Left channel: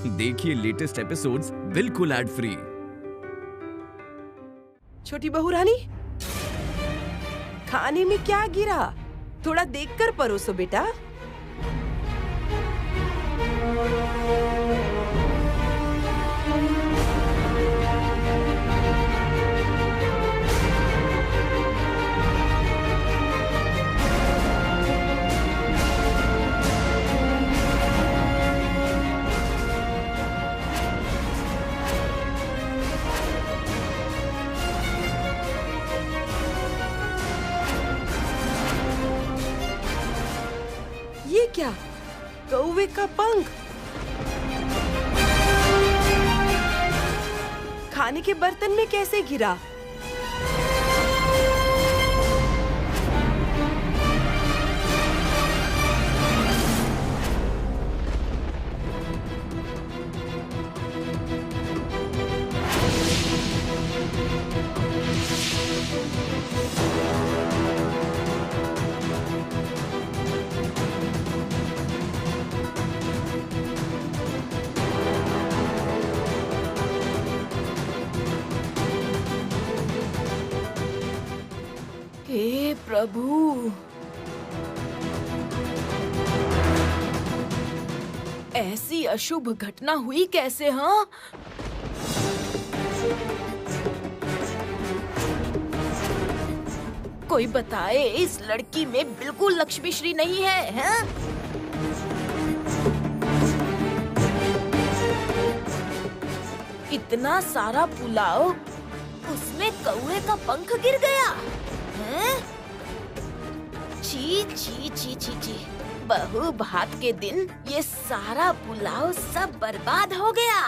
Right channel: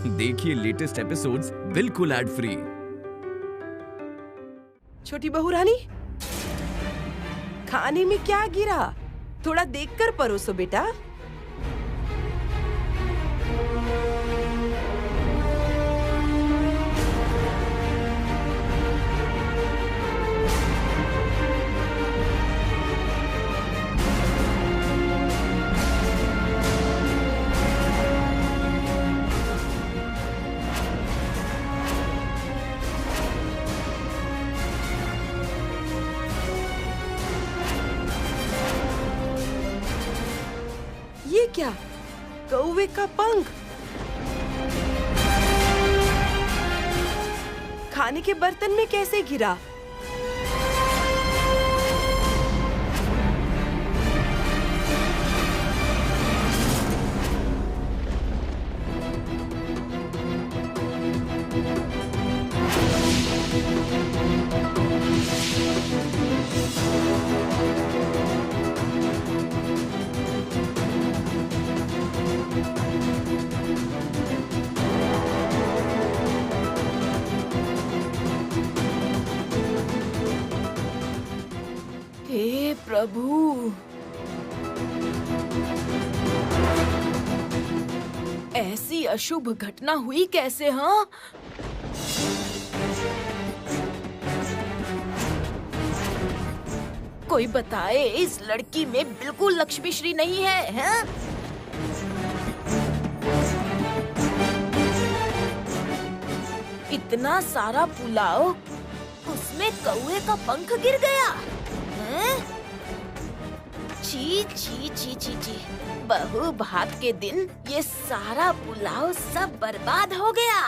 देखिए latest episodes बिल्कुल ad free. छोटी बहू रानी, खाने में क्या गिरा? थोड़ा देखकर परोसो बेटा। ये क्या? कौवे का पंख खाने के बर्तन में कैसे गिरा? हे प्रभु, ऐसी अशुभ घटना हुई कैसे? हाँ, कोई बताए, इस लड़की में बिल्कुल लक्ष्मीश्री नहीं है, हैं? इतना सारा पुलाव, उसमें कौवे का पंख गिर गया। हैं? छी छी छी छी छी, बहू भात के दिन ये सारा पुलाव सब बर्बाद हो गया।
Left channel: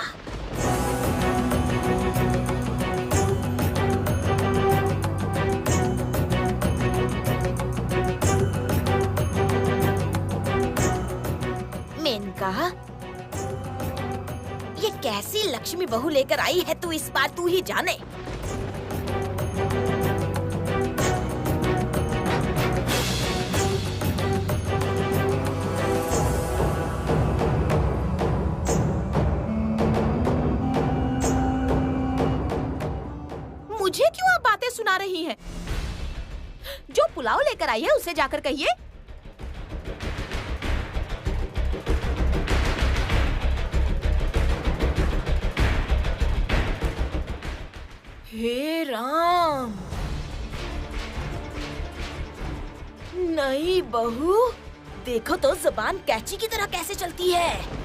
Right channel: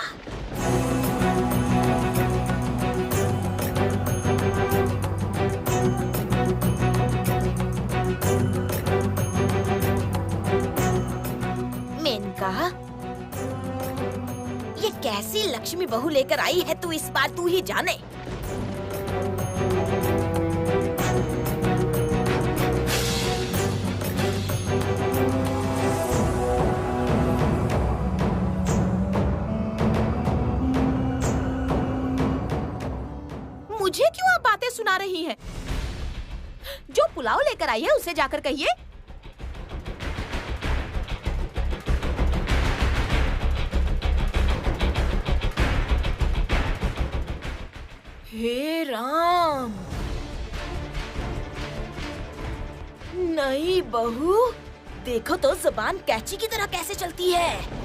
मेनका, ये कैसी लक्ष्मी बहू लेकर आई है तू, इस बार तू ही जाने। मुझे क्यों आप बातें सुना रही हैं? जो पुलाव लेकर आई है उसे जाकर कहिए। हे राम, नहीं बहू, देखो तो जुबान कैंची की तरह कैसे चलती है।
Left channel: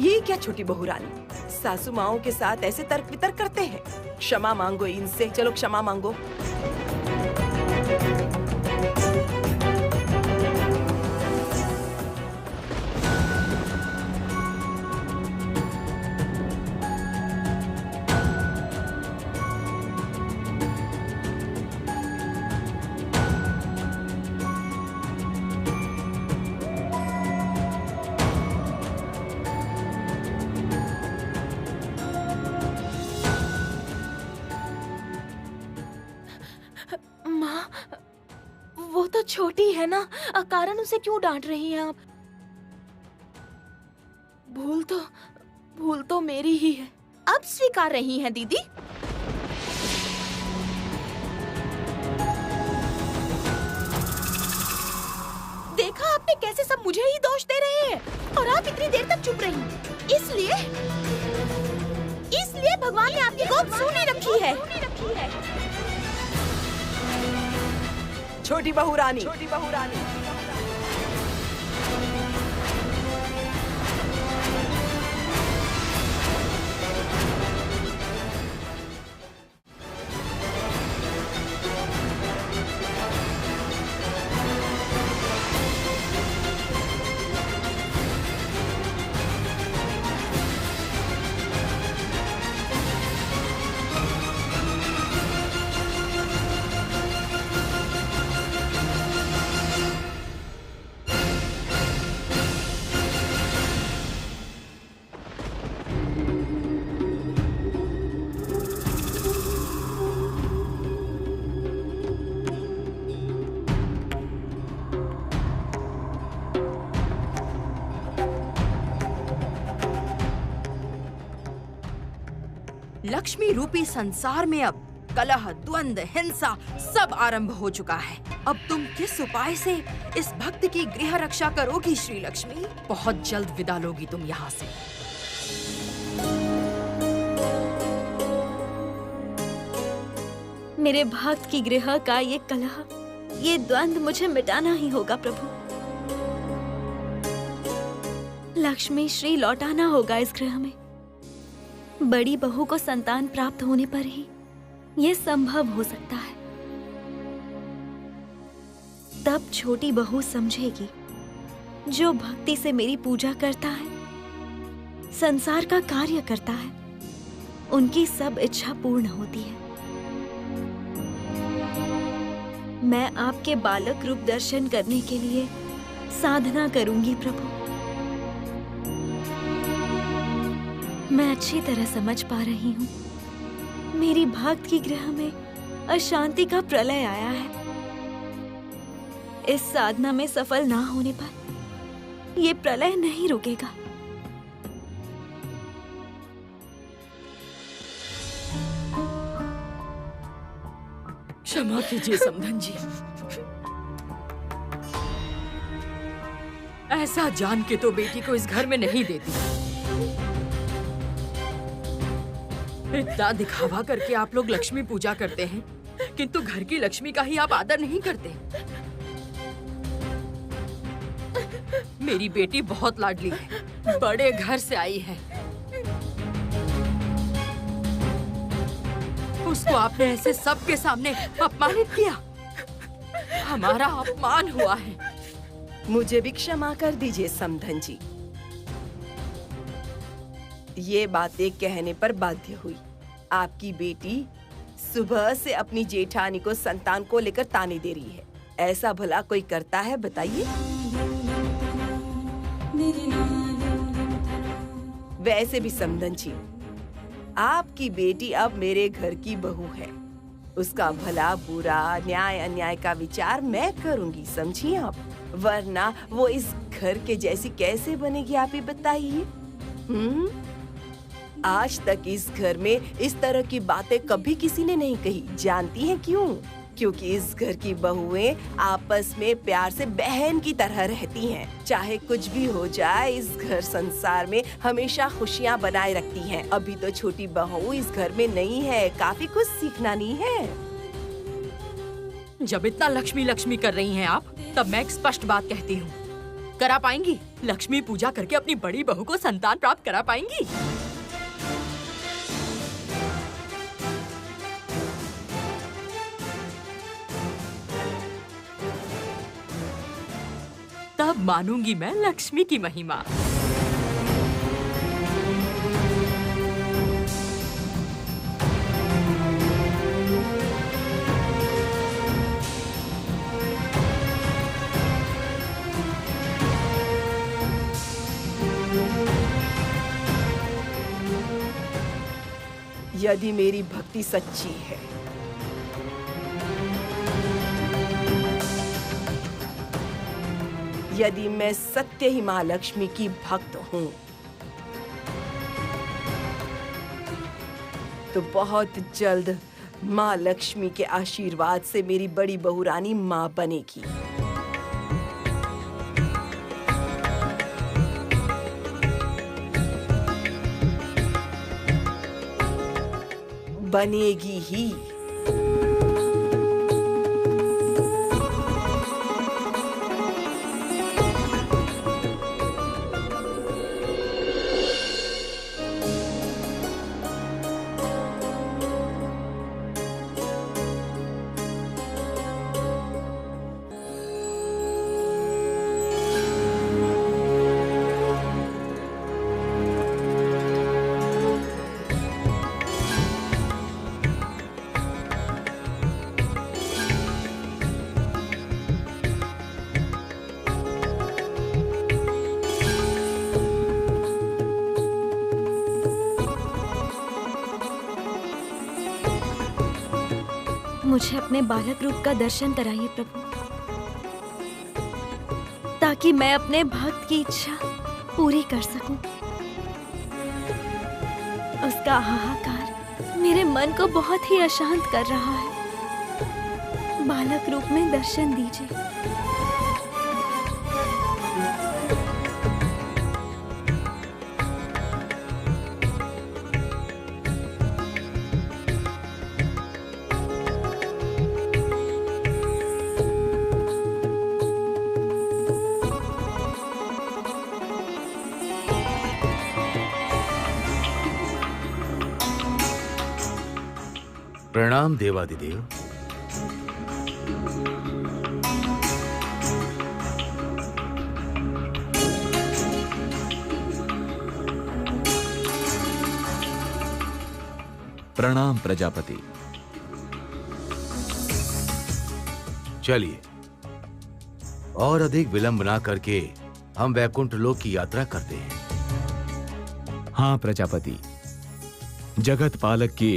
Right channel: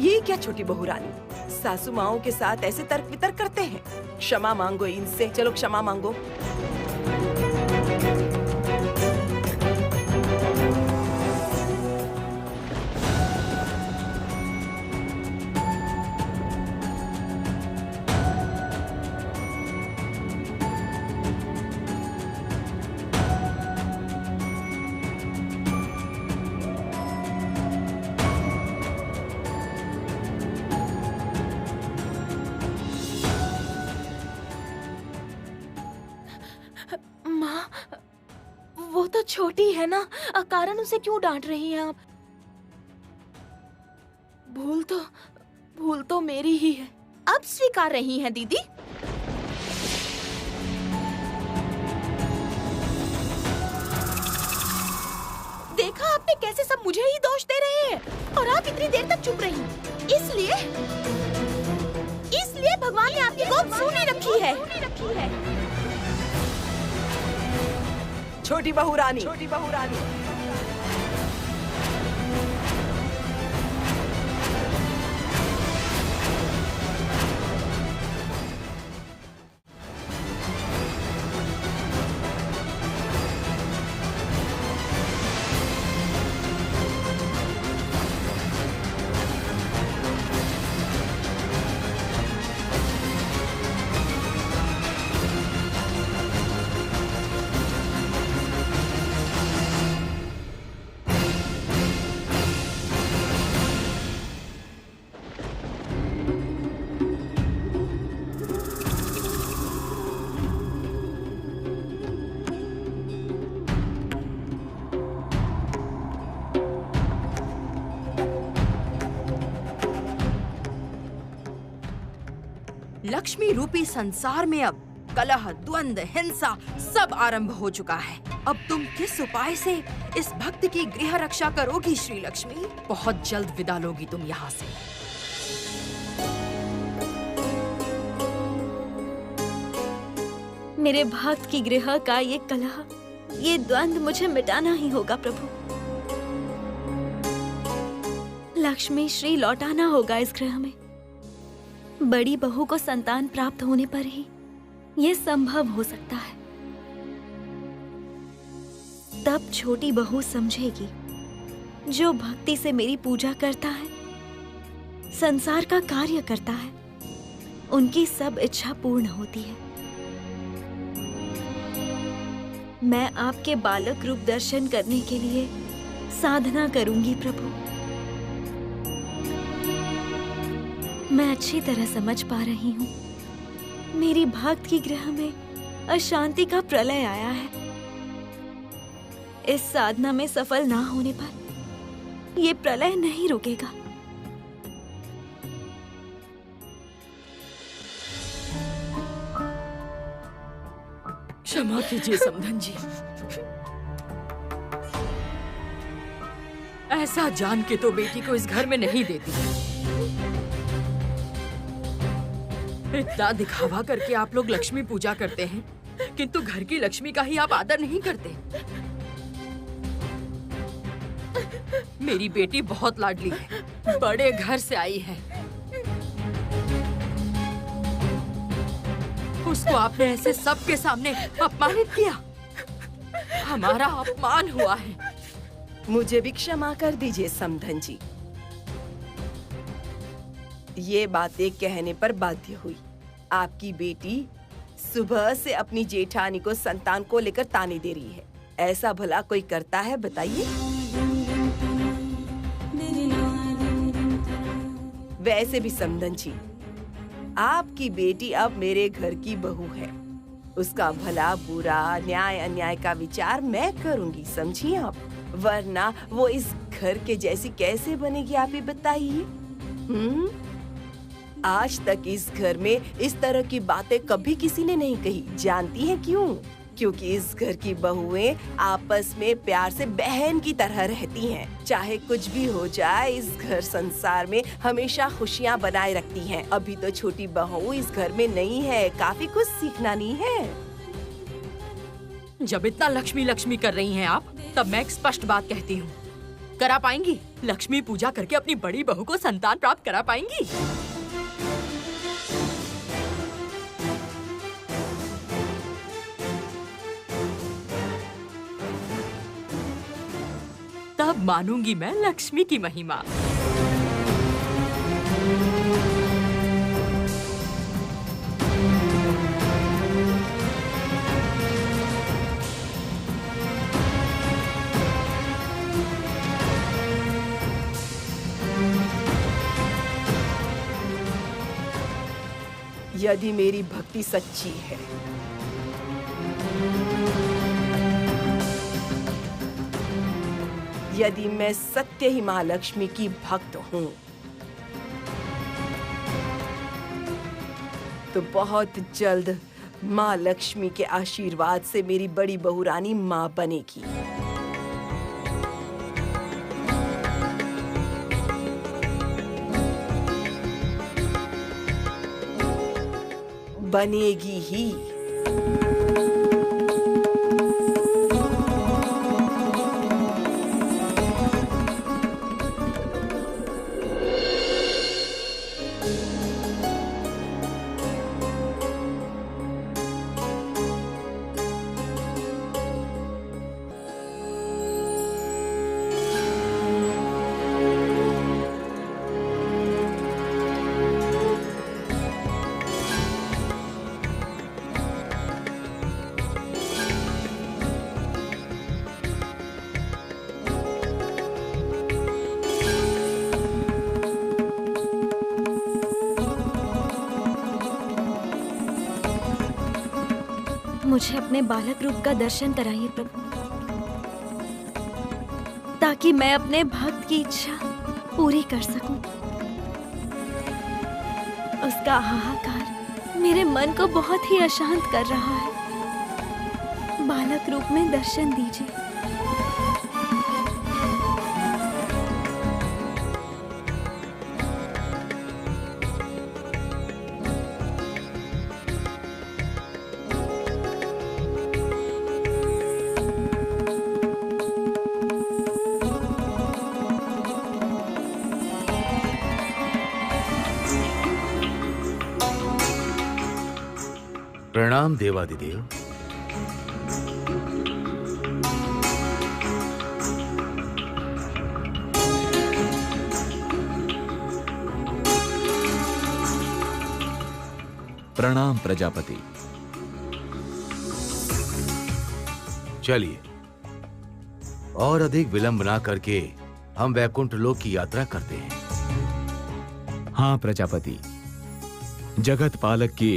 ये क्या छोटी बहू रानी, सासू माओं के साथ ऐसे तर्क वितर्क करते हैं? क्षमा मांगो इनसे, चलो क्षमा मांगो। माँ, वो तो छोटी है ना, अकारण उसे क्यों डांट रही हैं आप? भूल तो मेरी ही है। अब स्वीकार रही हैं दीदी? देखा आपने कैसे सब मुझे ही दोष दे रहे हैं, और आप इतनी देर तक चुप रही। इसलिए भगवान ने आपकी गोद सूनी रखी है। छोटी बहू रानी, लक्ष्मी रूपी संसार में अब कलह, द्वंद, हिंसा सब आरंभ हो चुका है। अब तुम किस उपाय से इस भक्त की गृह रक्षा करोगी श्री लक्ष्मी? बहुत जल्द विदा लोगी तुम यहाँ से। मेरे भक्त की गृह का ये कलह, ये द्वंद मुझे मिटाना ही होगा प्रभु। लक्ष्मी श्री लौटाना होगा इस गृह में। बड़ी बहू को संतान प्राप्त होने पर ही ये संभव हो सकता है। तब छोटी बहू समझेगी, जो भक्ति से मेरी पूजा करता है, संसार का कार्य करता है, उनकी सब इच्छा पूर्ण होती है। मैं आपके बालक रूप दर्शन करने के लिए साधना करूंगी प्रभु। मैं अच्छी तरह समझ पा रही हूँ, मेरी भक्त की गृह में अशांति का प्रलय आया है। इस साधना में सफल ना होने पर ये प्रलय नहीं रुकेगा। क्षमा कीजिए समधन जी, ऐसा जान के तो बेटी को इस घर में नहीं देती। इतना दिखावा करके आप लोग लक्ष्मी पूजा करते हैं, किंतु घर की लक्ष्मी का ही आप आदर नहीं करते। मेरी बेटी बहुत लाडली है, बड़े घर से आई है। उसको आपने ऐसे सबके सामने अपमानित किया। हमारा अपमान हुआ है। मुझे भी क्षमा कर दीजिए समधन जी। ये बातें कहने पर बाध्य हुई। आपकी बेटी सुबह से अपनी जेठानी को संतान को लेकर ताने दे रही है। ऐसा भला कोई करता है बताइए? वैसे भी समधन जी, आपकी बेटी अब मेरे घर की बहू है। उसका भला बुरा, न्याय अन्याय का विचार मैं करूंगी, समझिए आप। वरना वो इस घर के जैसी कैसे बनेगी, आप ही बताइए। आज तक इस घर में इस तरह की बातें कभी किसी ने नहीं कही। जानती हैं क्यों? क्योंकि इस घर की बहुएं आपस में प्यार से बहन की तरह रहती हैं। चाहे कुछ भी हो जाए, इस घर संसार में हमेशा खुशियां बनाए रखती हैं। अभी तो छोटी बहू इस घर में नहीं है, काफी कुछ सीखना नहीं है। जब इतना लक्ष्मी लक्ष्मी कर रही हैं आप, तब मैं एक स्पष्ट बात कहती हूँ, करा पाएंगी? लक्ष्मी पूजा करके अपनी बड़ी बहू को संतान प्राप्त करा पाएंगी? तब मानूंगी मैं लक्ष्मी की महिमा। यदि मेरी भक्ति सच्ची है, यदि मैं सत्य ही माँ लक्ष्मी की भक्त हूँ, तो बहुत जल्द माँ लक्ष्मी के आशीर्वाद से मेरी बड़ी बहू रानी माँ बनेगी। बनेगी ही। मुझे अपने बालक रूप का दर्शन कराइए प्रभु, ताकि मैं अपने भक्त की इच्छा पूरी कर सकूं। उसका हाहाकार मेरे मन को बहुत ही अशांत कर रहा है। बालक रूप में दर्शन दीजिए। प्रणाम देवादिदेव। प्रणाम प्रजापति। चलिए, और अधिक विलंब ना करके हम वैकुंठ लोक की यात्रा करते हैं। हाँ प्रजापति, जगत पालक के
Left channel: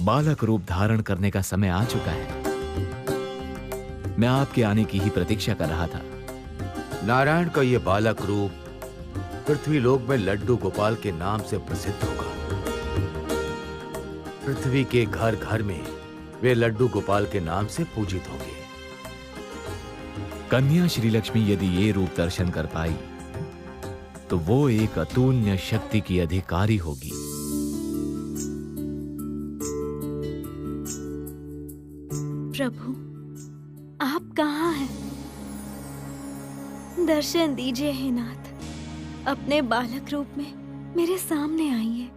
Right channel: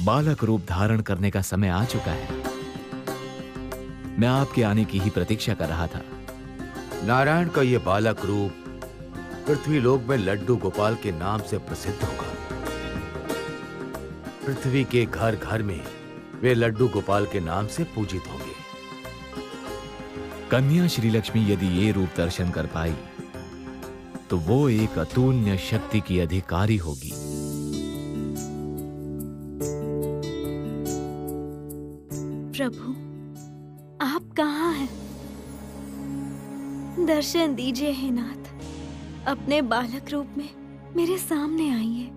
बालक रूप धारण करने का समय आ चुका है। मैं आपके आने की ही प्रतीक्षा कर रहा था। नारायण का यह बालक रूप पृथ्वी लोक में लड्डू गोपाल के नाम से प्रसिद्ध होगा। पृथ्वी के घर घर में वे लड्डू गोपाल के नाम से पूजित होंगे। कन्या श्री लक्ष्मी यदि ये रूप दर्शन कर पाई तो वो एक अतुल्य शक्ति की अधिकारी होगी। प्रभु, आप कहाँ हैं? दर्शन दीजिए हे नाथ। अपने बालक रूप में मेरे सामने आइए।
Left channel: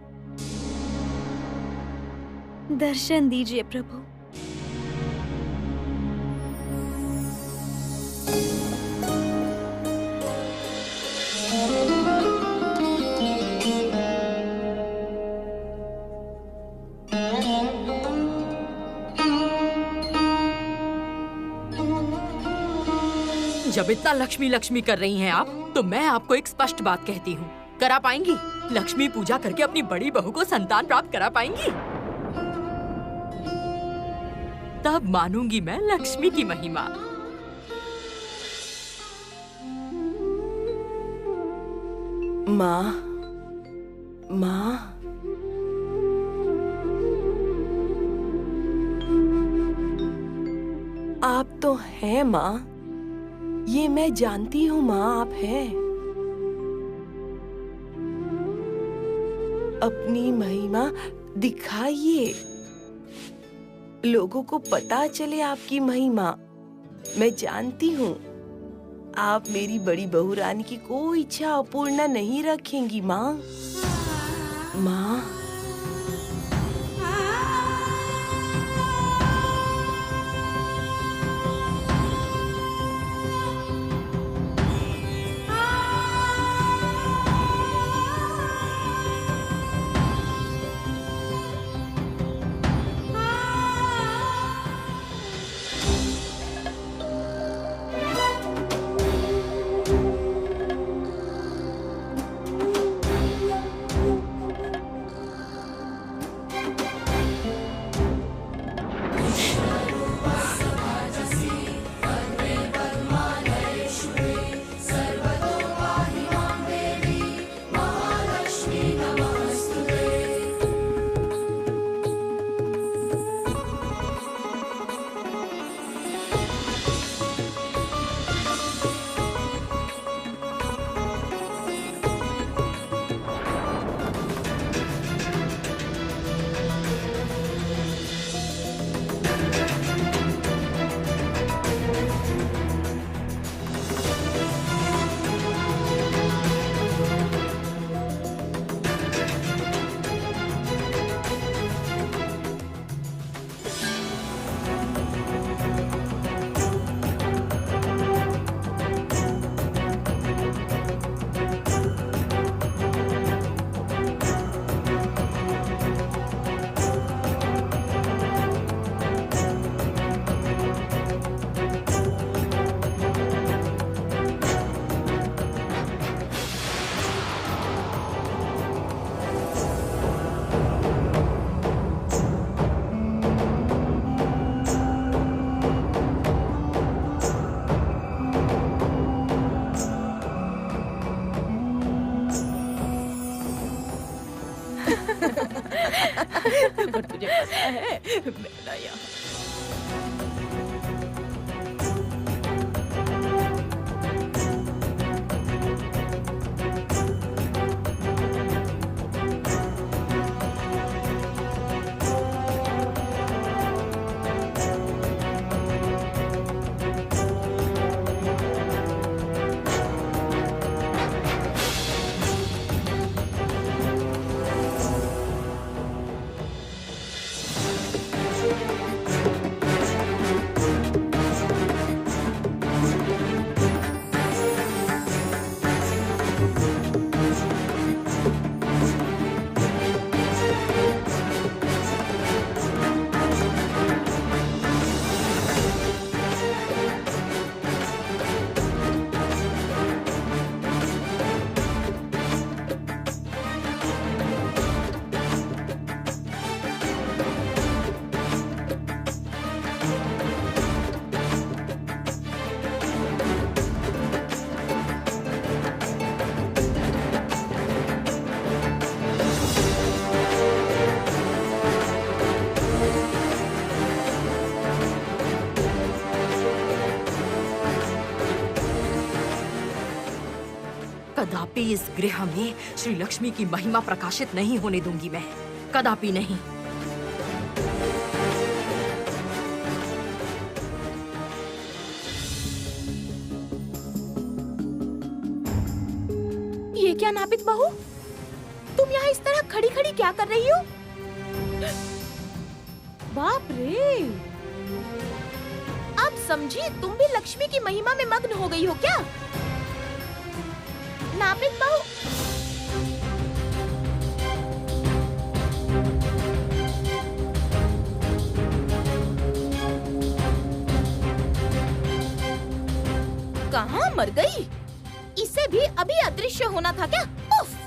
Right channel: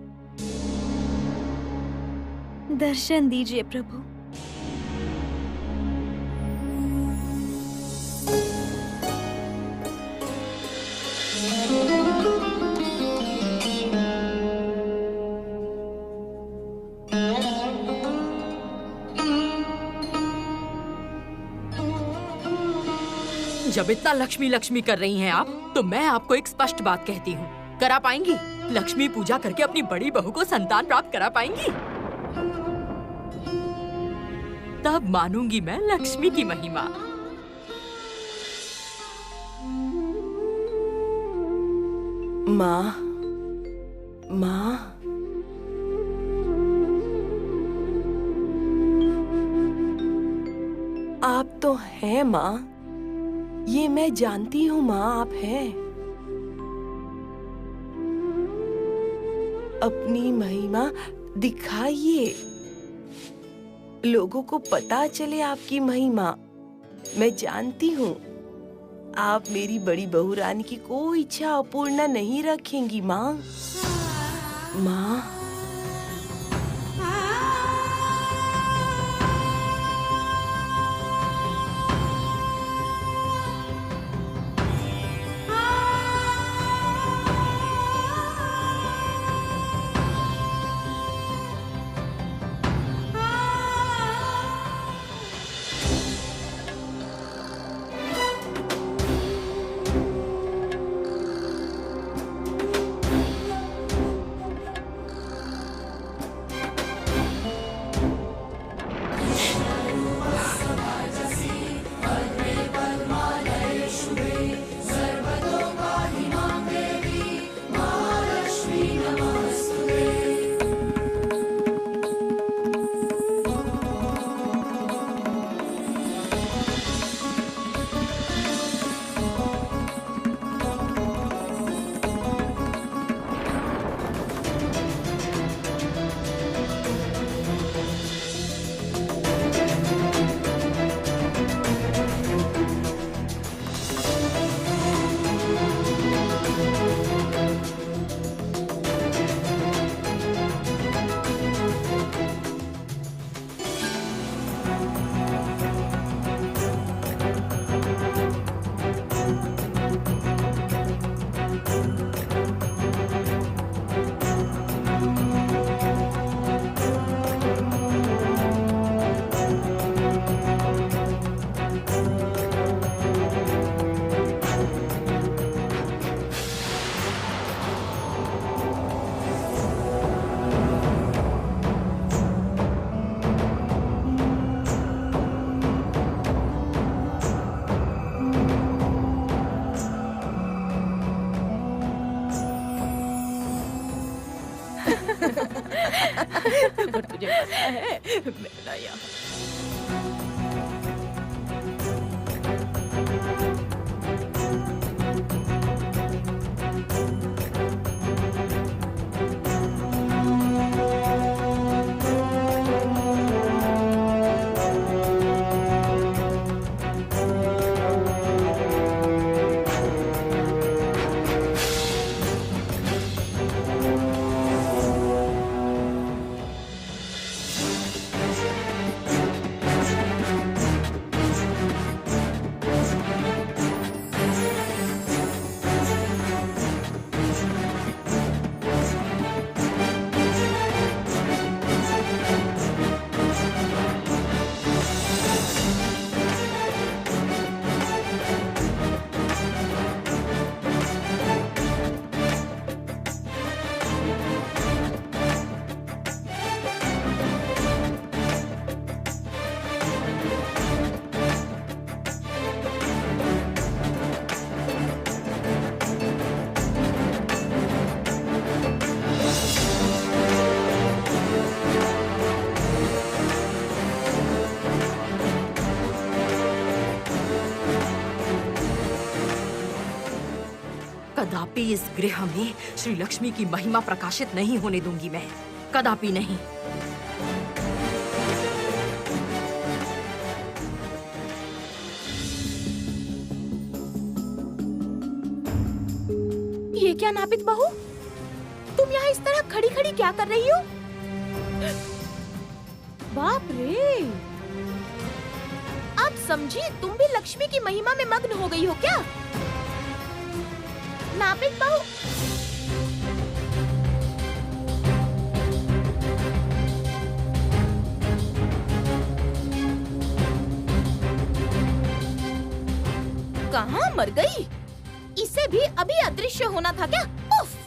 दर्शन दीजिए प्रभु। जब इतना लक्ष्मी लक्ष्मी कर रही हैं आप, तो मैं आपको एक स्पष्ट बात कहती हूँ। करा पाएंगी? लक्ष्मी पूजा करके अपनी बड़ी बहू को संतान प्राप्त करा पाएंगी? तब मानूंगी मैं लक्ष्मी की महिमा। माँ, माँ, आप तो हैं माँ। ये मैं जानती हूँ माँ, आप हैं। अपनी महिमा दिखाइए, लोगों को पता चले आपकी महिमा। मैं जानती हूँ आप मेरी बड़ी बहू रानी की कोई इच्छा अपूर्ण नहीं रखेंगी माँ। माँ, पर तुझे पता है मेरा यहाँ कदापि इस गृह में श्री लक्ष्मी की महिमा प्रकाशित नहीं होने दूंगी मैं, कदापि नहीं। ये क्या नापित बहू, तुम यहाँ इस तरह खड़ी खड़ी क्या कर रही हो? बाप रे, आप समझी तुम भी लक्ष्मी की महिमा में मग्न हो गई हो क्या? नापित बहू, कहाँ मर गई? इसे भी अभी अदृश्य होना था क्या? उफ!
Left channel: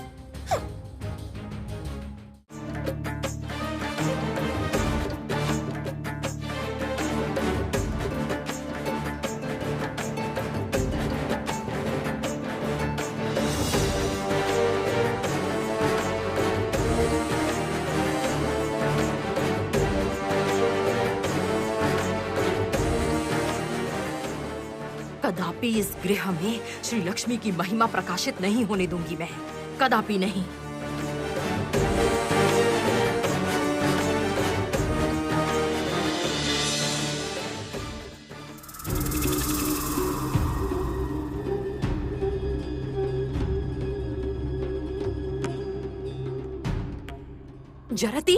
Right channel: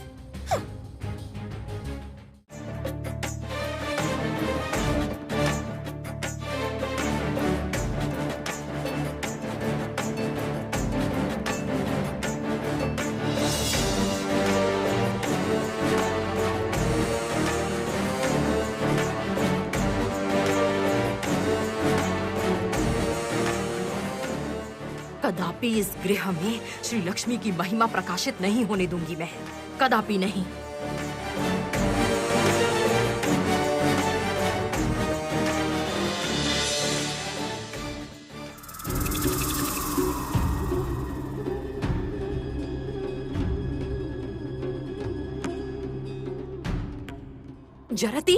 कदापि इस गृह में श्री लक्ष्मी की महिमा प्रकाशित नहीं होने दूंगी मैं, कदापि नहीं। जरती,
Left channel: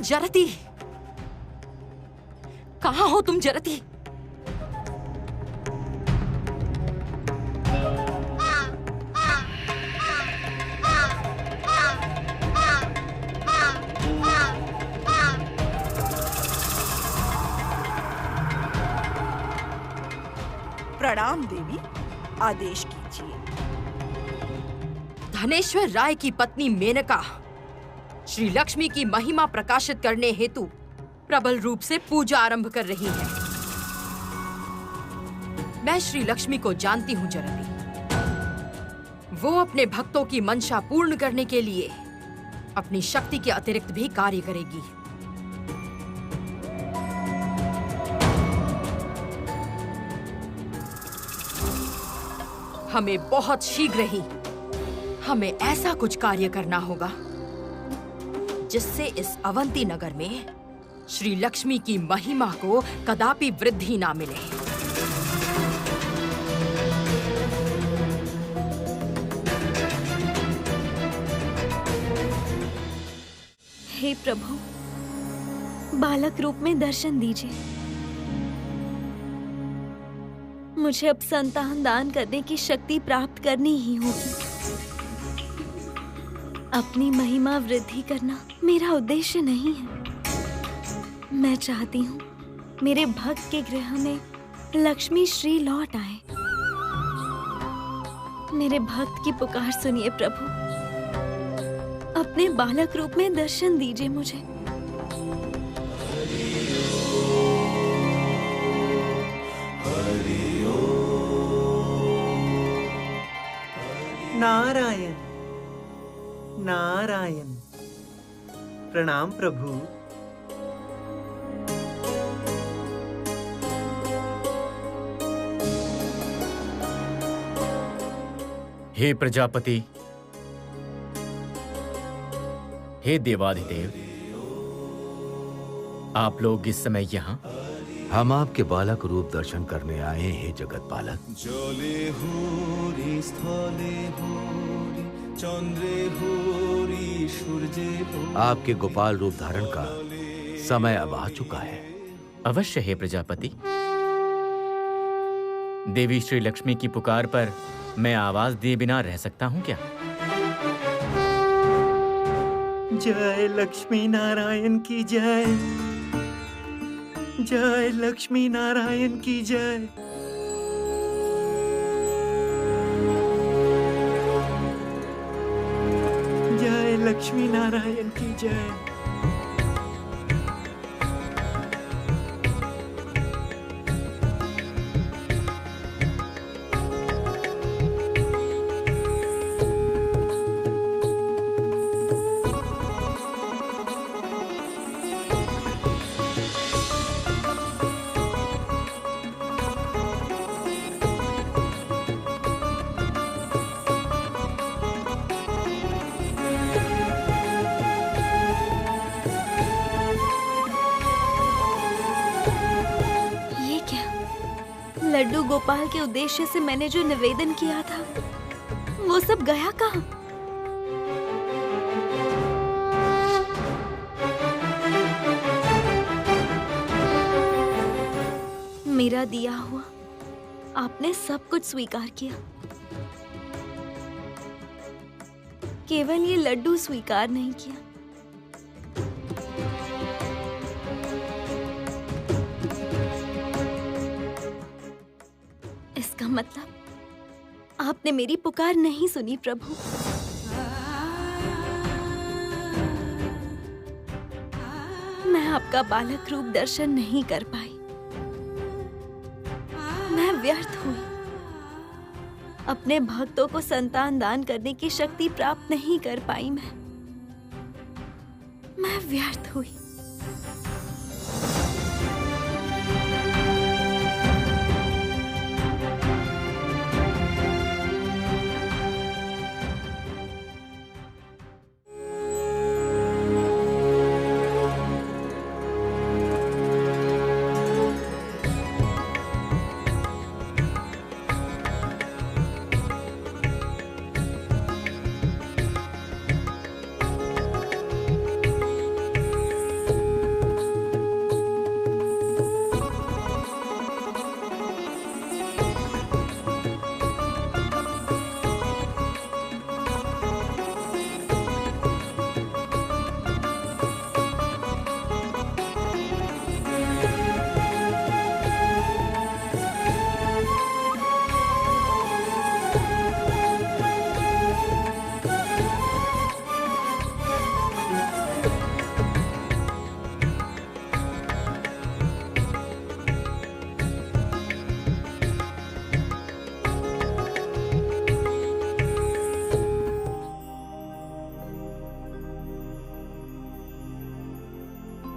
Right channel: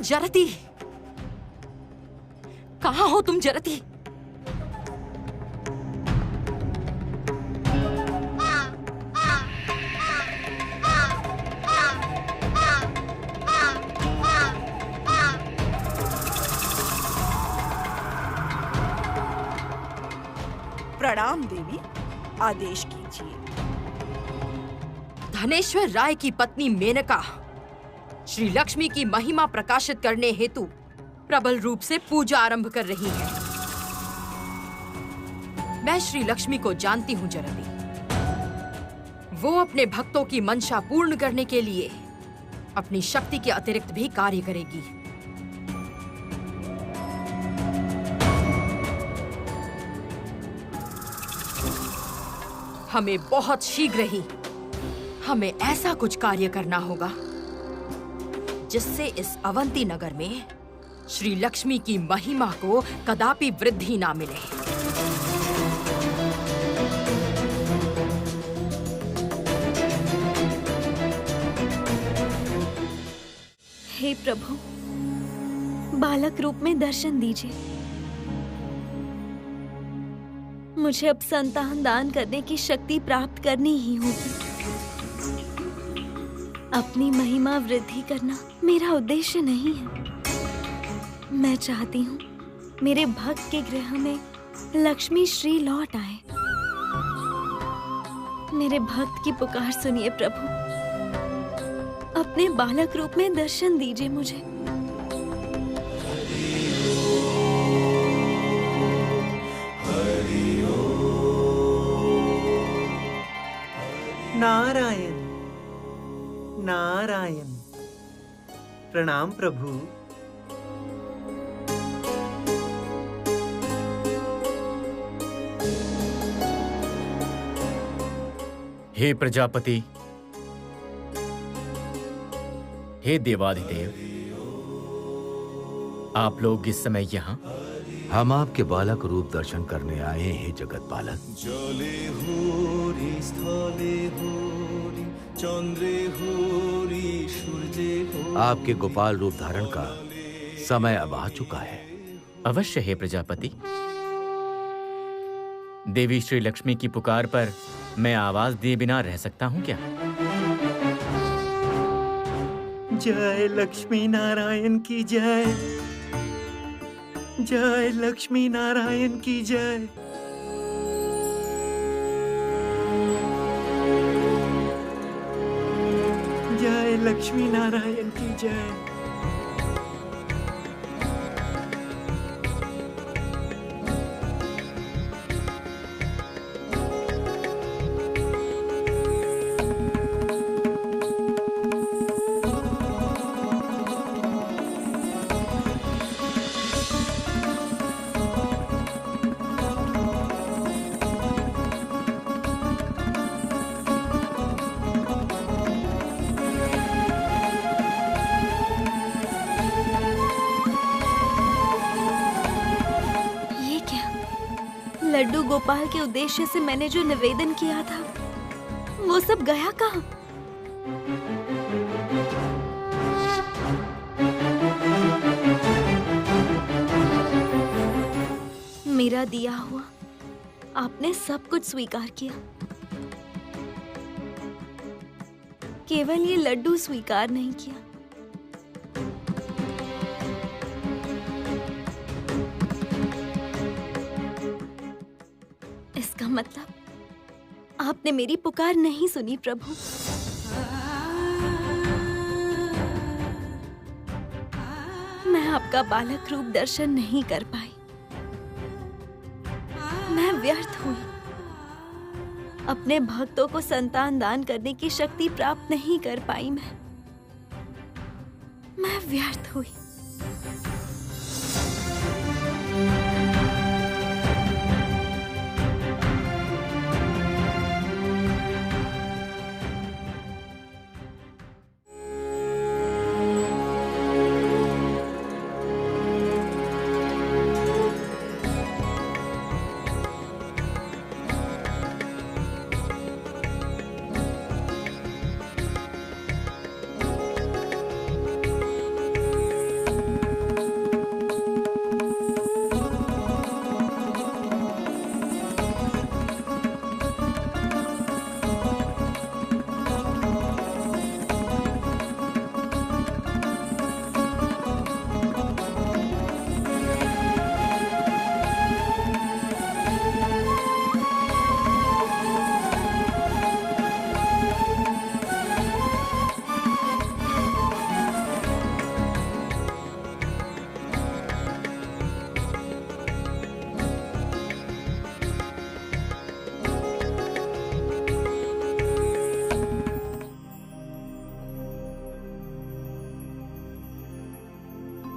जरती, कहाँ हो तुम जरती? प्रणाम देवी, आदेश कीजिए। धनेश्वर राय की पत्नी मेनका श्री लक्ष्मी की महिमा प्रकाशित करने हेतु प्रबल रूप से पूजा आरंभ कर रही है। मैं श्री लक्ष्मी को जानती हूँ जरती। वो अपने भक्तों की मंशा पूर्ण करने के लिए अपनी शक्ति के अतिरिक्त भी कार्य करेगी। हमें बहुत शीघ्र ही हमें ऐसा कुछ कार्य करना होगा जिससे इस अवंती नगर में श्री लक्ष्मी की महिमा को कदापि वृद्धि ना मिले। हे प्रभु, बालक रूप में दर्शन दीजिए। मुझे अब संतान दान करने की शक्ति प्राप्त करनी ही होगी। अपनी महिमा वृद्धि करना मेरा उद्देश्य नहीं है। मैं चाहती हूँ मेरे भक्त के गृह में लक्ष्मी श्री लौट आए। मेरे भक्त की पुकार सुनिए प्रभु, अपने बालक रूप में दर्शन दीजिए मुझे। नारायण नारायण। प्रणाम प्रभु। हे प्रजापति, हे देवाधिदेव, आप लोग इस समय यहाँ? हम आपके बालक रूप दर्शन करने आए हैं जगत पालक। जले होरी, स्थले होरी, चंद्रे होरी, सूर्ये होरी। आपके गोपाल रूप धारण का समय अब आ चुका है। अवश्य है प्रजापति। देवी श्री लक्ष्मी की पुकार पर मैं आवाज दिए बिना रह सकता हूँ क्या? जय लक्ष्मी नारायण की जय। जय लक्ष्मी नारायण की जय। जय लक्ष्मी नारायण की जय। लड्डू गोपाल के उद्देश्य से मैंने जो निवेदन किया था वो सब गया कहाँ? मेरा दिया हुआ आपने सब कुछ स्वीकार किया, केवल ये लड्डू स्वीकार नहीं किया। इसका मतलब आपने मेरी पुकार नहीं सुनी प्रभु। मैं आपका बालक रूप दर्शन नहीं कर पाई। मैं व्यर्थ हुई। अपने भक्तों को संतान दान करने की शक्ति प्राप्त नहीं कर पाई। मैं व्यर्थ हुई।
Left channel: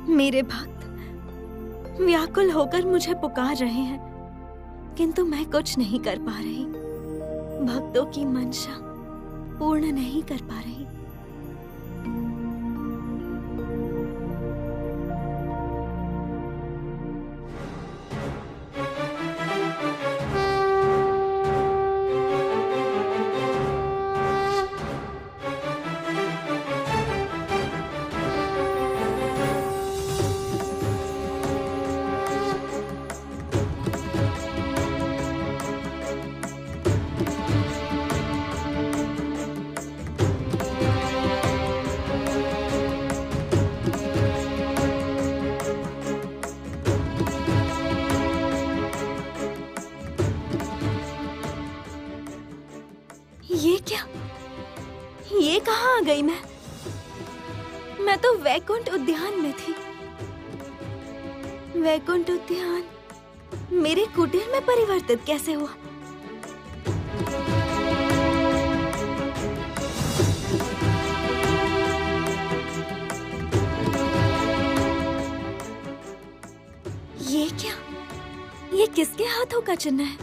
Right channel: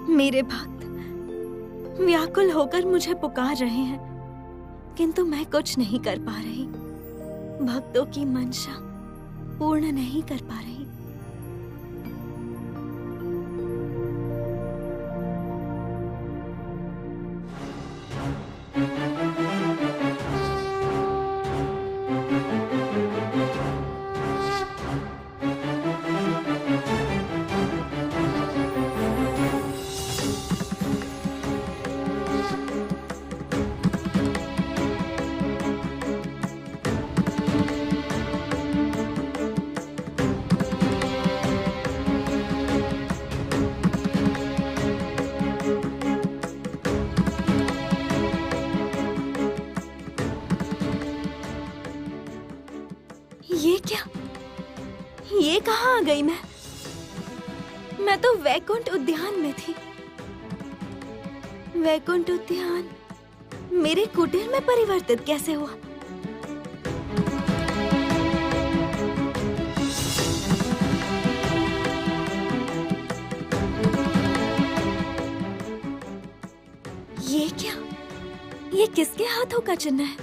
मेरे भक्त व्याकुल होकर मुझे पुकार रहे हैं, किंतु मैं कुछ नहीं कर पा रही। भक्तों की मंशा पूर्ण नहीं कर पा रही। ये क्या? ये कहाँ आ गई मैं तो वैकुंठ उद्यान में थी। वैकुंठ उद्यान मेरे कुटीर में परिवर्तित कैसे हुआ? क्या? ये किसके हाथों का चिन्ह है?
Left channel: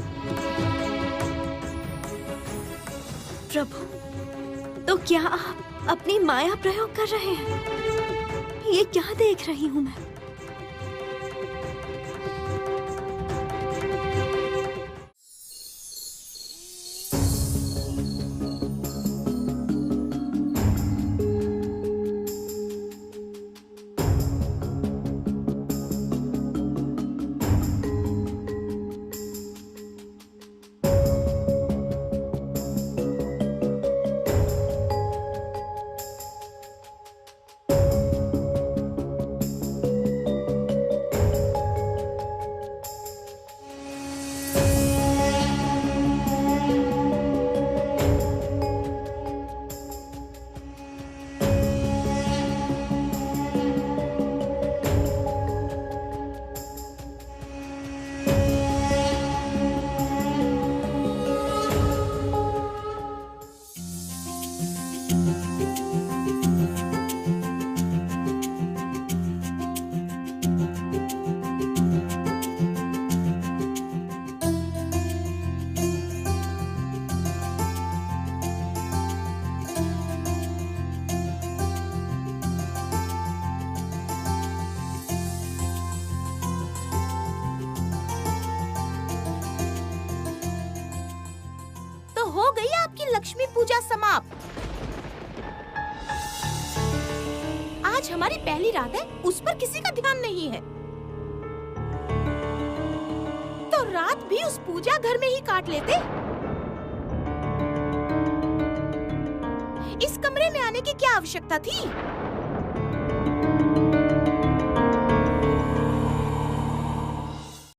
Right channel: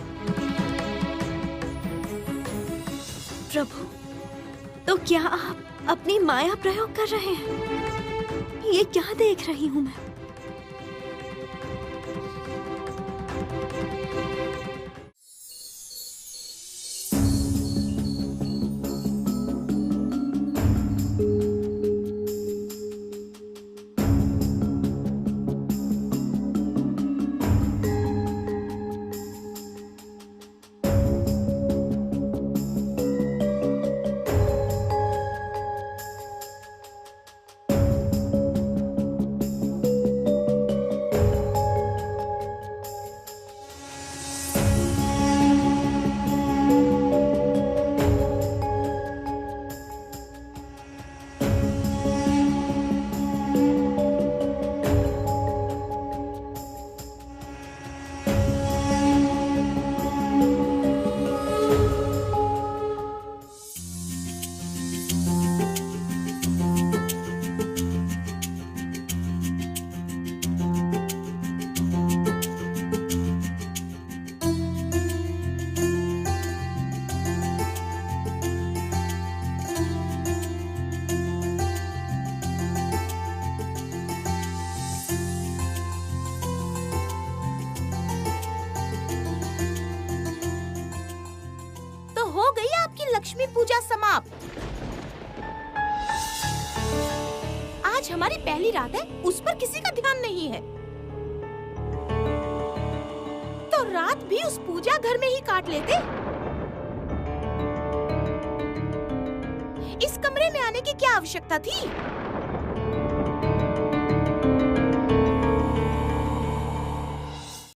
प्रभु, तो क्या आप अपनी माया प्रयोग कर रहे हैं? ये क्या देख रही हूँ मैं? हो गई आपकी लक्ष्मी पूजा समाप्त। आज हमारी पहली रात है, उस पर किसी का ध्यान नहीं है। तो रात भी उस पूजा घर में ही काट लेते। इस कमरे में आने की क्या आवश्यकता थी?